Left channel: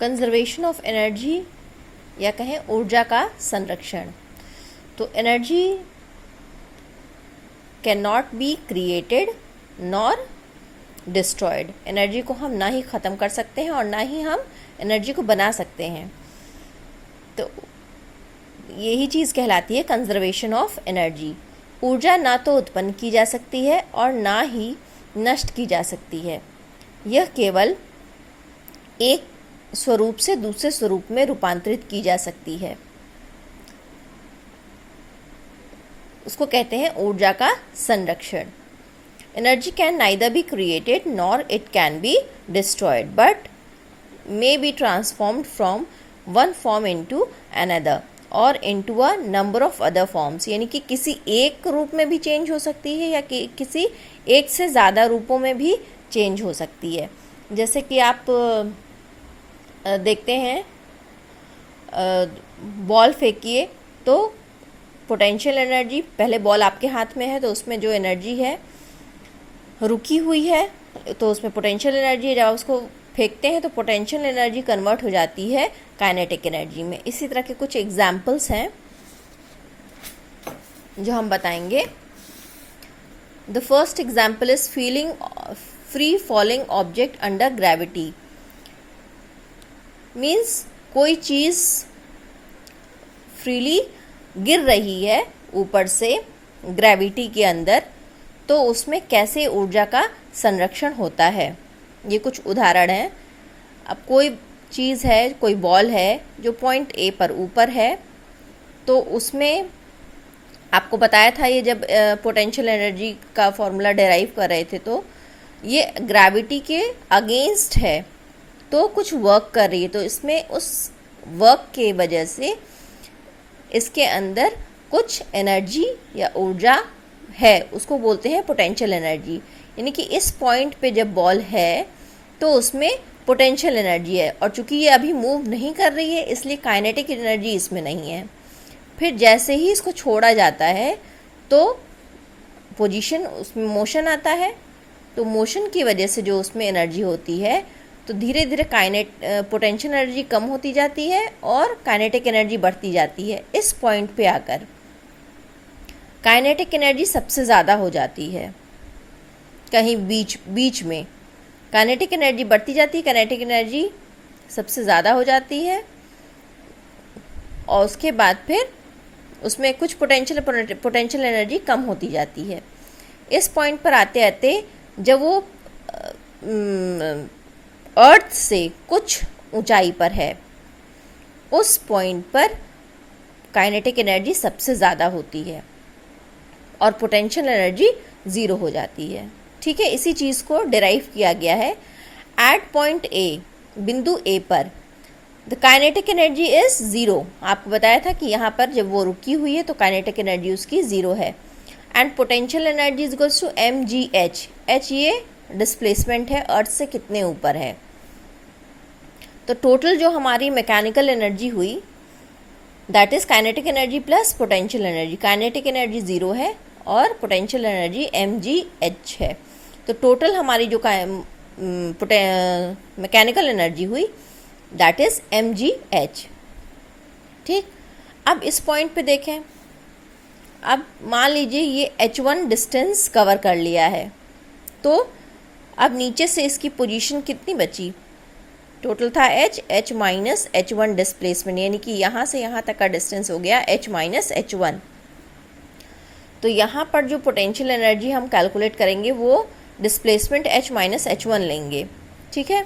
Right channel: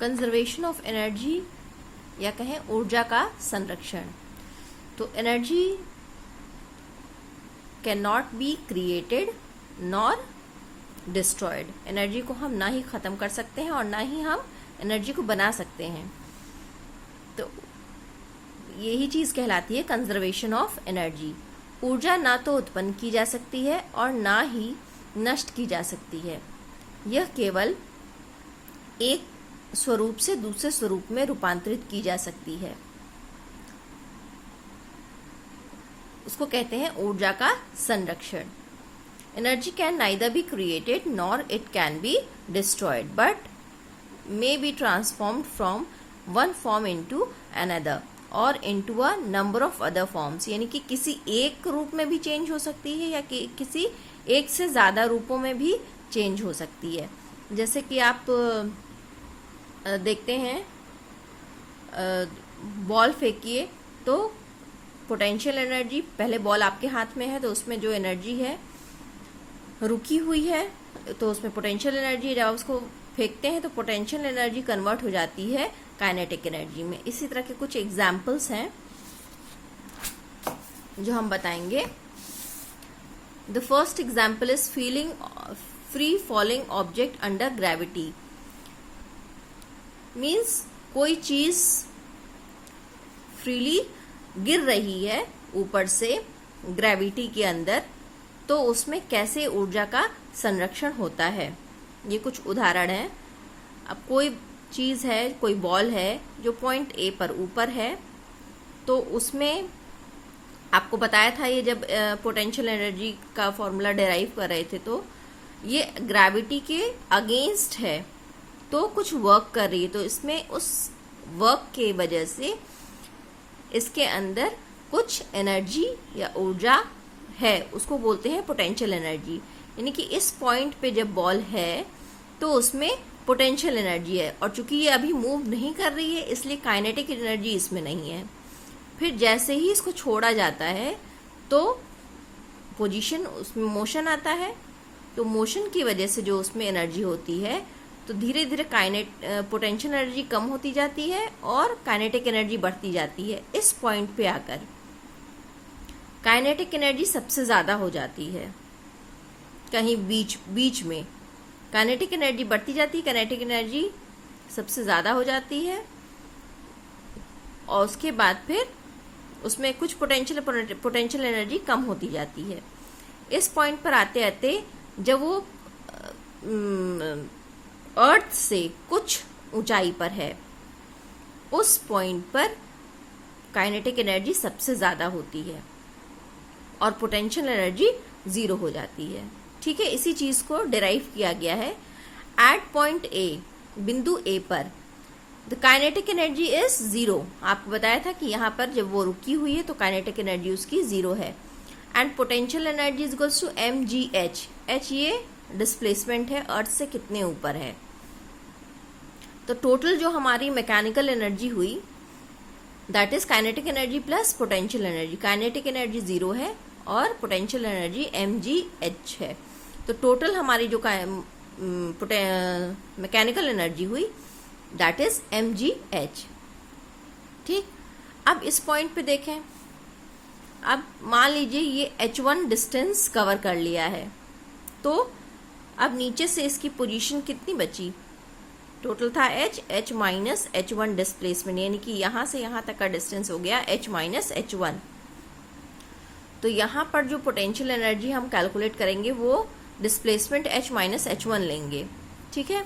Conservation of energy या कहें ऊर्जा का संरक्षण। तो energy can not be created nor destroyed. Energy को हम ना ही ख़त्म कर सकते हैं और ना ही हम एनर्जी को बना सकते हैं। तो यही चीज़ कहलाती है कंजर्वेशन ऑफ एनर्जी। ऊर्जा ना तो उत्पन्न की जा सकती है और ना ही नष्ट की जा सकती है। यह केवल एक स्वरूप से दूसरे स्वरूप में रूपांतरित की जा सकती है। उसको कहते हैं ऊर्जा का संरक्षण। Energy can neither be created nor it can be destroyed but may be transformed from one form into another और into a number of other forms. यानी कि किसी एक रूप में भी चेंज हो सकती है या कि किसी एक से ज़्यादा रूपों में भी चेंज हो सकती है। जैसे कि आप देखते हैं, बॉल फेंकिए तो पोटेंशियल एनर्जी, पहले बॉल आपके हाथ में है तो उसमें जो एनर्जी है रुकी हुई है तो उसमें पोटेंशियल एनर्जी है। जब आप उसको फेंकते हैं तो पोटेंशियल एनर्जी कन्वर्ट हो जाती है काइनेटिक एनर्जी में। इसी तरह के कुछ एग्जाम्पल्स हैं जो हम बताएंगे। The first example is feeling free falling object under gravity. Means कोई चीज फ्रीली गिर रही है ऊपर से ग्रेविटी के अंदर, तो उसमें कैसे ऊर्जा का संरक्षण होता है। ये कुछ उदाहरण हैं। अब कोई चीज़ है, कोई बॉल है जो पॉइंट ए पर ऊपर है, तो उसमें आपको बताया था ये जब पोटेंशियल एनर्जी का फॉर्मूला डेराइव कर रहे थे, तो ये ग्रेविटी के अगेंस्ट है तो कुछ वर्क कर रही है। तो इसमें उस वर्क के वजह से इसके अंदर कुछ एनर्जी या ऊर्जा है, उसको बोलते हैं पोटेंशियल एनर्जी। यानी कि इस पॉइंट पे जब बॉल है तो उसमें पोटेंशियल एनर्जी है और चूंकि ये अभी मूव नहीं कर रही है इसलिए काइनेटिक एनर्जी इसमें नहीं है। फिर जैसे ही इसको छोड़ा जाता है तो पोजीशन, उसमें मोशन आता है, तो मोशन की वजह से जो उसमें एनर्जी होती है तो धीरे धीरे पोटेंशियल एनर्जी कम होती जाती है और काइनेटिक एनर्जी बढ़ती जाती है। इस पॉइंट पे आकर काइनेटिक एनर्जी सबसे ज़्यादा हो जाती है। कहीं बीच में काइनेटिक एनर्जी बढ़ती जाती है, काइनेटिक एनर्जी सबसे ज़्यादा हो जाती है और उसके बाद फिर उसमें कुछ पोटेंशियल एनर्जी कम होती जाती है। इस पॉइंट पर आते आते जब वो अर्थ से कुछ ऊंचाई पर है, उस पॉइंट पर काइनेटिक एनर्जी सबसे ज़्यादा होती है और पोटेंशियल एनर्जी ज़ीरो हो जाती है। ठीक है, इसी चीज़ को डिराइव किया गया है। एट पॉइंट ए, बिंदु ए पर the kinetic energy is zero. आपको बताया था कि यहाँ पर जब वो रुकी हुई है तो काइनेटिक एनर्जी उसकी ज़ीरो है। And potential energy is equals to mgh। h ये डिस्प्लेसमेंट है, अर्थ से कितने ऊपर है। तो टोटल जो हमारी मैकेनिकल एनर्जी हुई that is kinetic energy plus potential energy. Kinetic energy zero है और पोटेंशियल एनर्जी mgh है। तो टोटल हमारी जो मैकेनिकल एनर्जी हुई दैट इज mgh। ठीक, अब इस पॉइंट पे देखें। अब मान लीजिए ये h1 डिस्टेंस कवर कर लिया है, तो अब नीचे से इसकी पोजीशन कितनी बची। टोटल था h माइनस h1 डिस्प्लेसमेंट, यानी कि यहाँ से यहाँ तक का डिस्टेंस हो गया h माइनस h1। तो यहाँ पर जो पोटेंशियल एनर्जी हम कैलकुलेट करेंगे वो डिस्प्लेसमेंट h माइनस h1 लेंगे। ठीक है,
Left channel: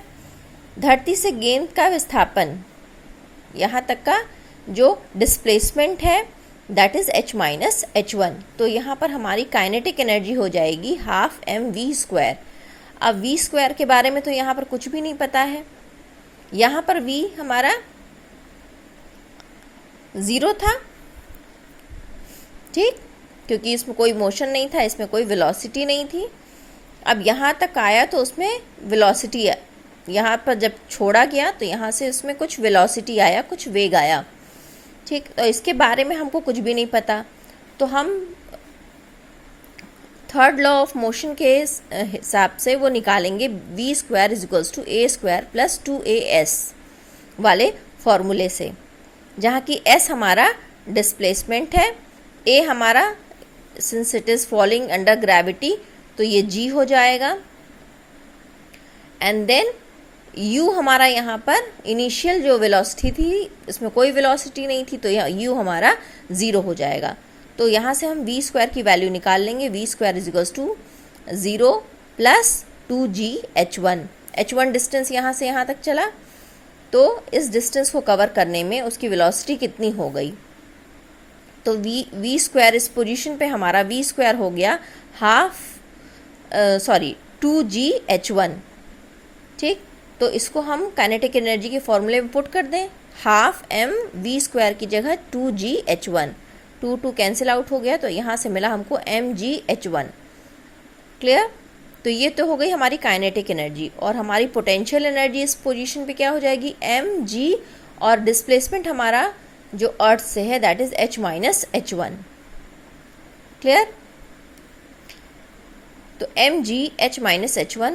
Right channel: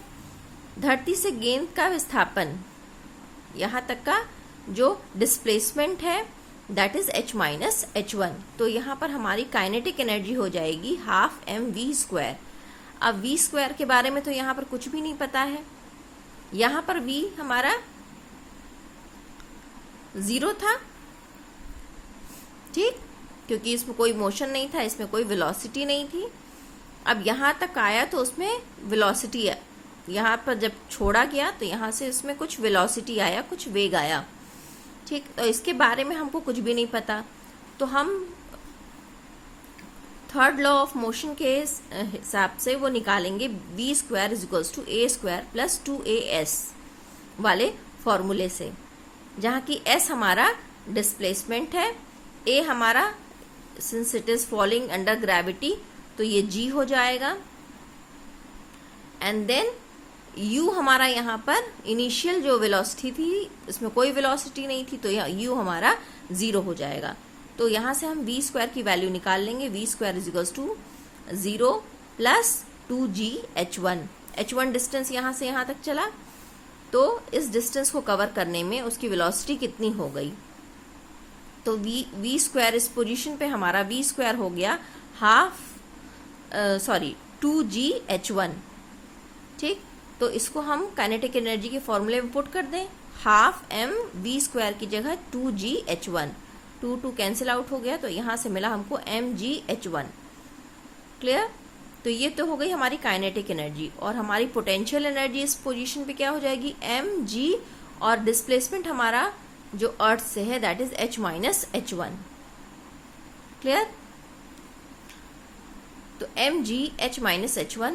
धरती से गेंद का विस्थापन, यहाँ तक का जो डिस्प्लेसमेंट है that is h minus h1। तो यहाँ पर हमारी काइनेटिक एनर्जी हो जाएगी हाफ mv²। अब v² के बारे में तो यहाँ पर कुछ भी नहीं पता है। यहाँ पर v हमारा ज़ीरो था, ठीक, क्योंकि इसमें कोई मोशन नहीं था, इसमें कोई वेलोसिटी नहीं थी। अब यहाँ तक आया तो उसमें वेलोसिटी, यहाँ पर जब छोड़ा गया तो यहाँ से इसमें कुछ वेलोसिटी आया, कुछ वेग आया। ठीक, तो इसके बारे में हमको कुछ भी नहीं पता, तो हम थर्ड लॉ ऑफ मोशन के हिसाब से वो निकालेंगे v² is equals to a² plus 2as। वाले फॉर्मूले से, जहाँ की s हमारा डिस्प्लेसमेंट है, a हमारा since it is falling under gravity तो ये g हो जाएगा, एंड देन u हमारा यहाँ पर इनिशियल जो वेलोसिटी थी, इसमें कोई वेलोसिटी नहीं थी तो यह u हमारा 0 हो जाएगा। तो यहाँ से हम v स्क्वायर की वैल्यू निकाल लेंगे। v square is equals to 0 plus 2gh1। h1 distance यहाँ से यहाँ तक चला, तो इस डिस्टेंस को कवर करने में उसकी वेलोसिटी कितनी हो गई, तो v स्क्वायर इस पोजीशन पे हमारा v स्क्वायर हो गया 2gh1। ठीक, तो इसको हम काइनेटिक एनर्जी के फॉर्मूले में पुट कर दें, हाफ m v स्क्वायर की जगह 2gh1, 2 कैंसिल आउट हो गया तो यहाँ से मिला हमको mgh1। क्लियर? तो ये तो हो गई हमारी काइनेटिक एनर्जी, और हमारी पोटेंशियल एनर्जी इस पोजीशन पे क्या हो जाएगी mg, और डिस्प्लेसमेंट हमारा जो अर्थ से है that is h minus h1। Clear? तो mg h माइनस h1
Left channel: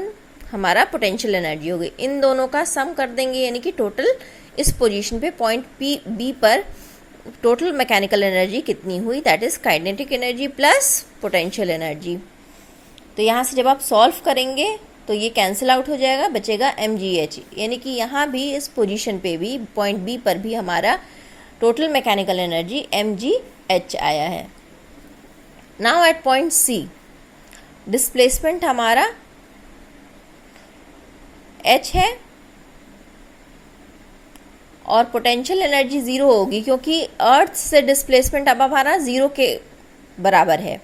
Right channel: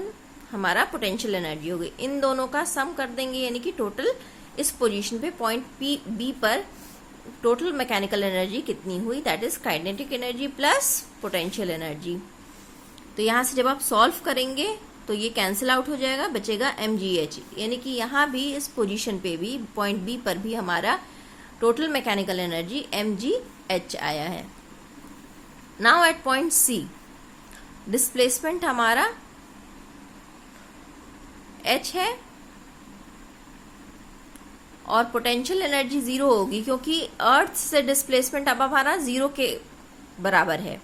हमारा पोटेंशियल एनर्जी हो गई। इन दोनों का सम कर देंगे, यानी कि टोटल इस पोजीशन पे पॉइंट बी पर टोटल मैकेनिकल एनर्जी कितनी हुई, that is kinetic energy plus potential energy. तो यहाँ से जब आप सॉल्व करेंगे तो ये कैंसिल आउट हो जाएगा, बचेगा mgh, यानी कि यहाँ भी इस पोजीशन पे भी पॉइंट बी पर भी हमारा टोटल मैकेनिकल एनर्जी mgh आया है। Now at point C displacement हमारा h है और पोटेंशियल एनर्जी 0 होगी, क्योंकि अर्थ से डिस्प्लेसमेंट अब हमारा 0 के बराबर है।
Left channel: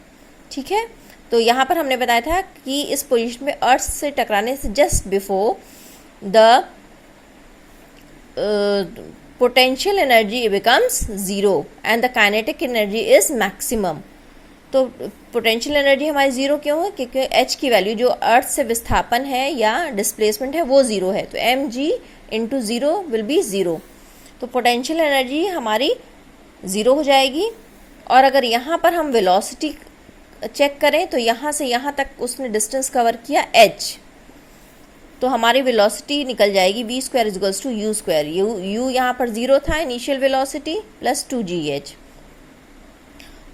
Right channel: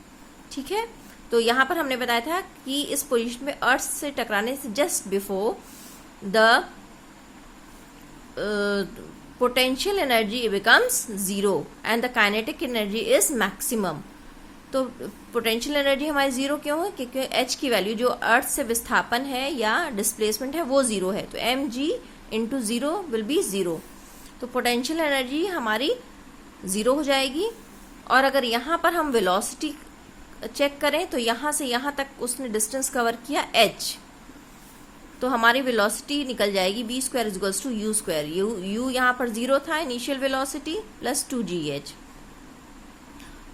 ठीक है, तो यहाँ पर हमने बताया था कि इस पोजीशन में अर्थ से टकराने से just before the potential energy becomes 0 and the kinetic energy is maximum. तो पोटेंशियल एनर्जी हमारी 0 क्यों है, क्योंकि h की वैल्यू जो अर्थ से विस्थापन है या डिस्प्लेसमेंट है वो 0 है, तो mg इंटू 0 विल बी 0। तो पोटेंशियल एनर्जी हमारी 0 हो जाएगी। और अगर यहाँ पर हम वेलोसिटी चेक करें तो यहाँ से यहाँ तक उसने डिस्टेंस कवर किया h, तो हमारी वेलोसिटी निकल जाएगी v square is equals to u square. u यहाँ पर 0 था इनिशियल वेलोसिटी प्लस 2gh,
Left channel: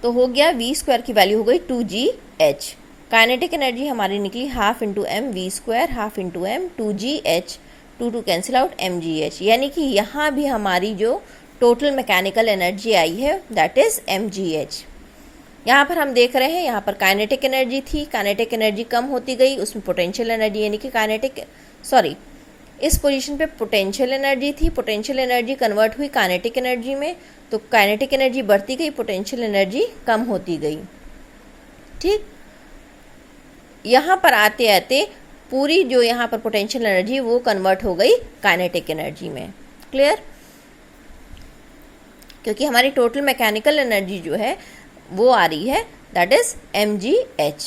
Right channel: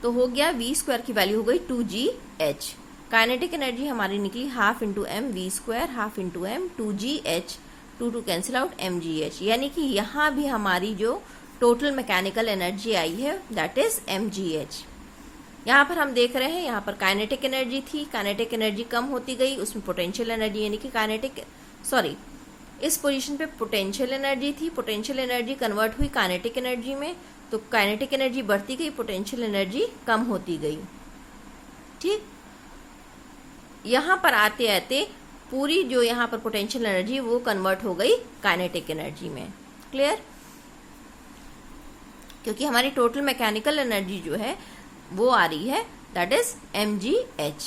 तो हो गया v स्क्वायर की वैल्यू हो गई 2gh। काइनेटिक एनर्जी हमारी निकली half into m v square, half into m 2gh, 2 cancel out mgh, यानी कि यहाँ भी हमारी जो टोटल मैकेनिकल एनर्जी आई है दैट इज mgh। यहाँ पर हम देख रहे हैं, यहाँ पर काइनेटिक एनर्जी थी, काइनेटिक एनर्जी कम होती गई, उसमें पोटेंशियल एनर्जी यानी कि इस पोजीशन पे पोटेंशियल एनर्जी थी, पोटेंशियल एनर्जी कन्वर्ट हुई काइनेटिक एनर्जी में, तो काइनेटिक एनर्जी बढ़ती गई, पोटेंशियल एनर्जी कम होती गई। ठीक, यहाँ पर आते आते पूरी जो यहाँ पर पोटेंशियल एनर्जी वो कन्वर्ट हो गई काइनेटिक एनर्जी में। क्लियर? क्योंकि हमारी टोटल मैकेनिकल एनर्जी जो है वो आ रही है that is mgh।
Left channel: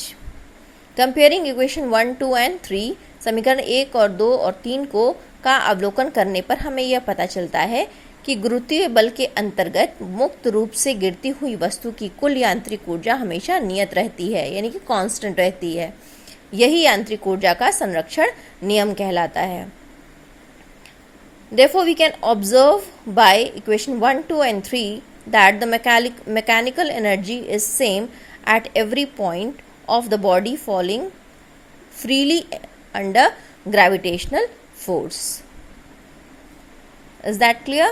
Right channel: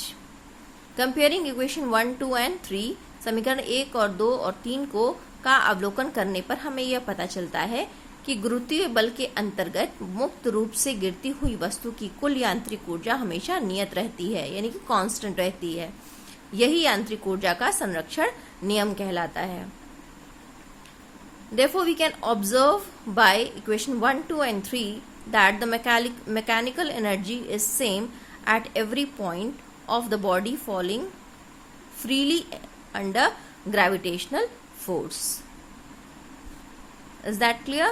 Comparing equation 1, 2 and 3, समीकरण 1 और 2 और 3 को का अवलोकन करने पर हमें यह पता चलता है कि गुरुत्वीय बल के अंतर्गत मुक्त रूप से गिरती हुई वस्तु की कुल यांत्रिक ऊर्जा हमेशा नियत रहती है, यानी कि कांस्टेंट रहती है। यही यांत्रिक ऊर्जा का संरक्षण नियम कहलाता है। Therefore, we can observe by equation 1, 2 and 3 that the mechanical energy is same at every point of the body falling freely under gravitational force. Is that clear?